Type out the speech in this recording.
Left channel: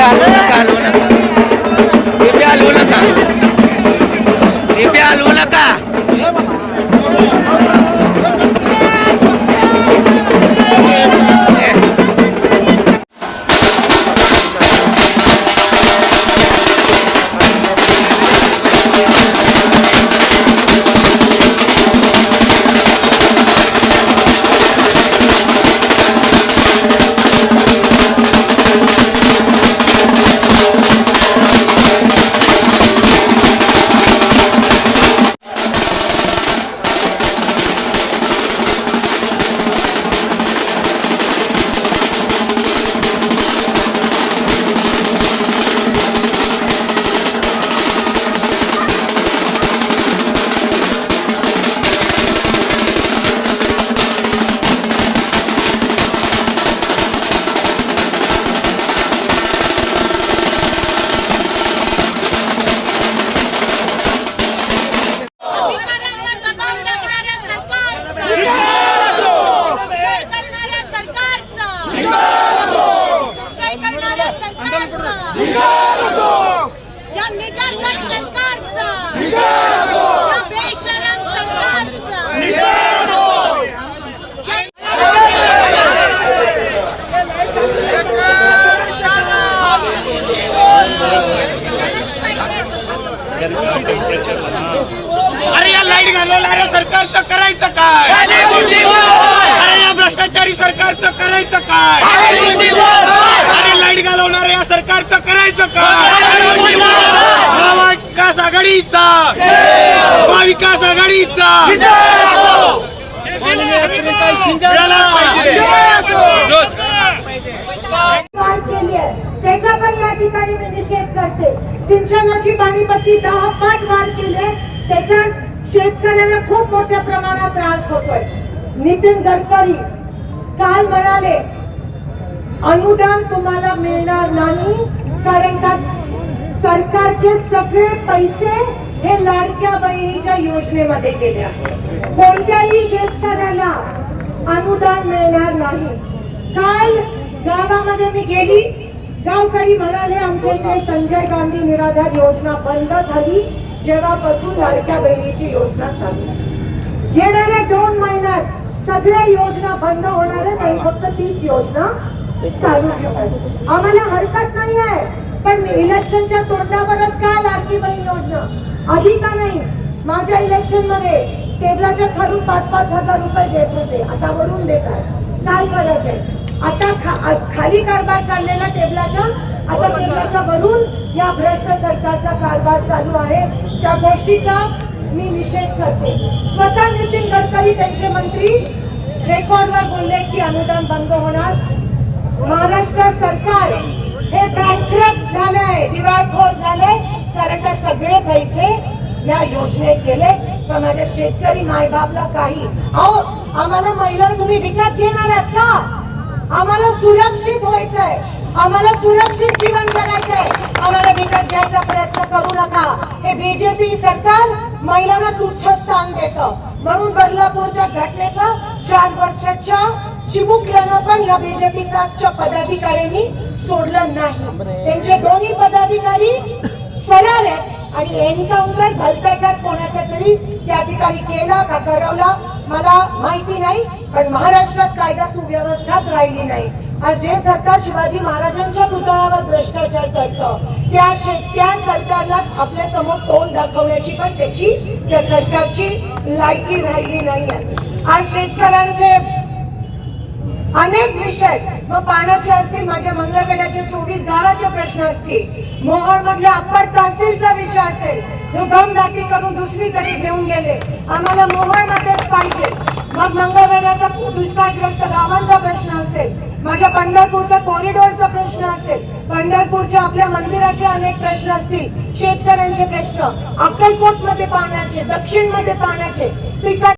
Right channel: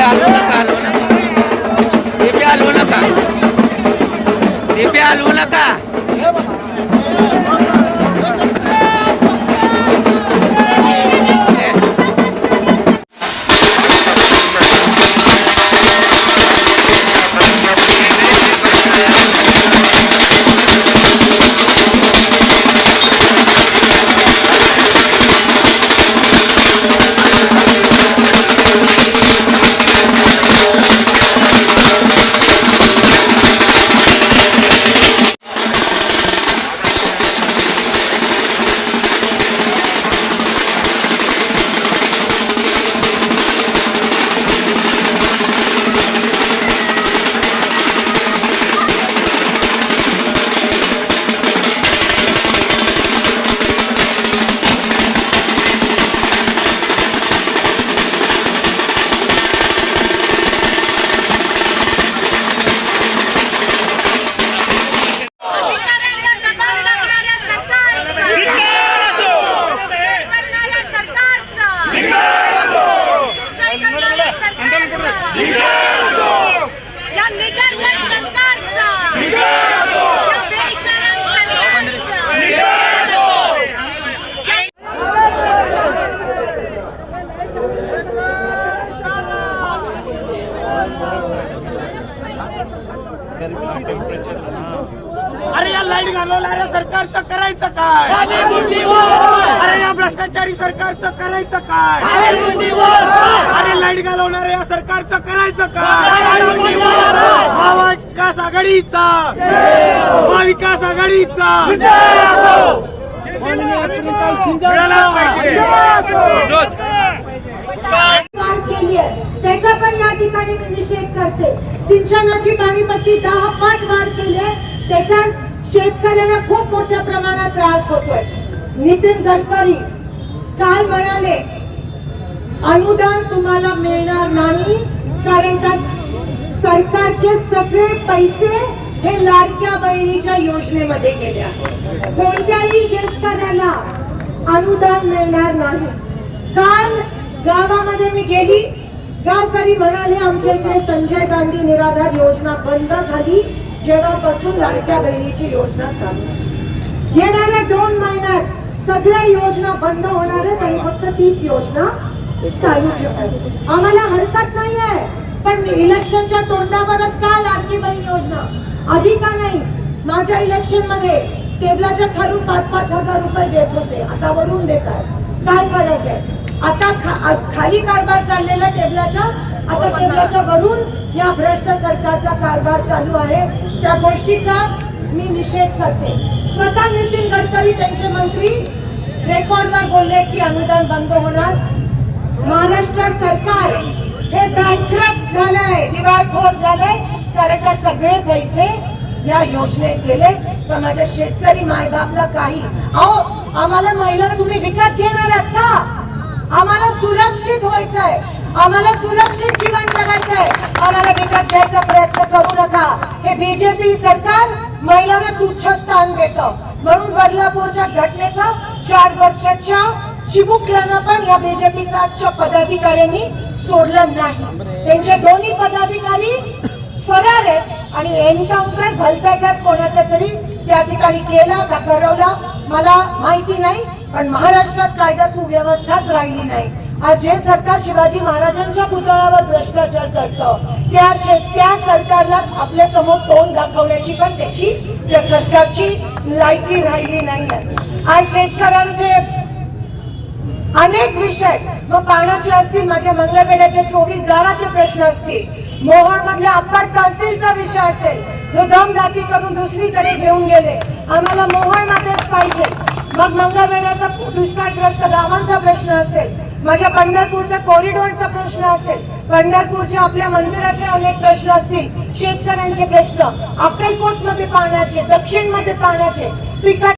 हलवू नका, हलवू नका, टिपे हलवू नका, टिपे हलवू नका. अरे या लाईट घालवणाऱ्या सरकारचं करायचं काय? अरे या भ्रष्टाचारी सरकारचं करायचं काय? अरे लाईट घालवणाऱ्या या सरकारचं करायचं काय? महाविकास आघाडीचा, महाविकास आघाडीचा त्याचा पण या ठिकाणी मी निषेध करते. सिंचनाची पाणीपट्टी 10 पट वाढ केली आहे, त्याचा शेतकऱ्यांना खूप मोठ्या प्रमाणात त्रास होतोय. नितीन गडकरी काल म्हणाले अनुदान तुम्हाला मिळणार नाही, कारण का सरकारचे सगळे पैसे हे लाडक्या बहिणीच्या योजनेमध्ये गेले आहेत. कोणत्याही शेतकऱ्याला अनुदान मिळणार नाही. काल गावामध्ये मी गेली, गावकरी म्हणाले आमच्या इकडे संजय गांधी निराधार योजना बंद झाली जेव्हापासून लाडक्या बहिणीची योजना चालू झाली. येणाऱ्या 2 महिन्यात सगळ्या योजना बंद होणार आहेत आणि फक्त तीच योजना चालू ठेवायची. आम्हाला हरकत नाही आहे, पण इलेक्शनच्या तोंडावरच का लाडकी बहीण योजना आधी का नाही? माझ्या इलेक्शन मध्ये टेबलाच्या खालून 5-5 हजार रुपये देत होते, आता वरून देत आहे. काय फरक आहे? आता खाली कारभार चाललेला टेबलाच्या, आता टेबलाच्या वरून या भ्रष्ट सरकारचा कारभार चालू आहे. त्या गोष्टीचा मी निषेध करते. स्वतः नितीन गडकरी त्यांचे मंत्री रेकॉर्डवर बोलले की अनुदान बंद होणार. महाराष्ट्र सरकार हे बँकरप्ट झालंय, दिवाळखोर झालंय, कारण का सगळे पैसे या योजनेत गेले. पण माझ्या शेतकरी मायबापला काही, अहो आम्हाला महिला तुम्ही विकत घेणार आहात का? आम्हाला सुरक्षित व्हायचंय, आम्हाला सुरक्षित जीवन जगायचंय, आम्हाला विकत घ्यायचा प्रयत्न करू नका. हे बीजेपी सरकार महिलांना तुच्छ स्थान देतं. म्हणून बदलापूरच्या घटनेचा 4 वर्षाच्या चिमुकल्यानं पण या बीजेपी साठच्या पदाधिकाऱ्यांनी सोडलं नाही. त्यांचे दोन्ही पदाधिकारी फरार आहेत आणि एन्काउंटर भलत्याचाच कोणाचा तरी त्या ठिकाणी केला का करवला मला माहिती नाही, पण महाराष्ट्रात कायदा सुव्यवस्थाच राहिली नाही. आज जे सरकार शिवाजी महाराजांच्या पुतळ्यावर भ्रष्टाचार करतं त्या सरकारला आपल्या समोर तोंड दाखवण्याची पण त्या सरकारची लायकी राहिली नाही. आज शेतकऱ्यांचे अनेक विषय, मग पाण्याचे असतील, माझ्या मंगळवेढ्याचे 24 गावाचे प्रश्न असतील, मोहोळ मधल्या अप्पर तहसीलचा विषय असेल जो दमदाटी करून दुसरीकडे घेऊन गेले, आम्हाला मोहोळ मध्येच पाहिजे. मग मंगळवेढ्याचा दुष्काळग्रस्त गावांचा प्रश्न असेल, माझ्या पंढरपूरच्या कॉरिडॉरचा प्रश्न असेल, पंढरपूरच्या आपल्या मंदिराचे अनेक प्रश्न असतील, शेतकऱ्यांचे प्रश्न, अक्कलकोट मध्ये पाण्याचे, दक्षिण मध्ये पाण्याचे,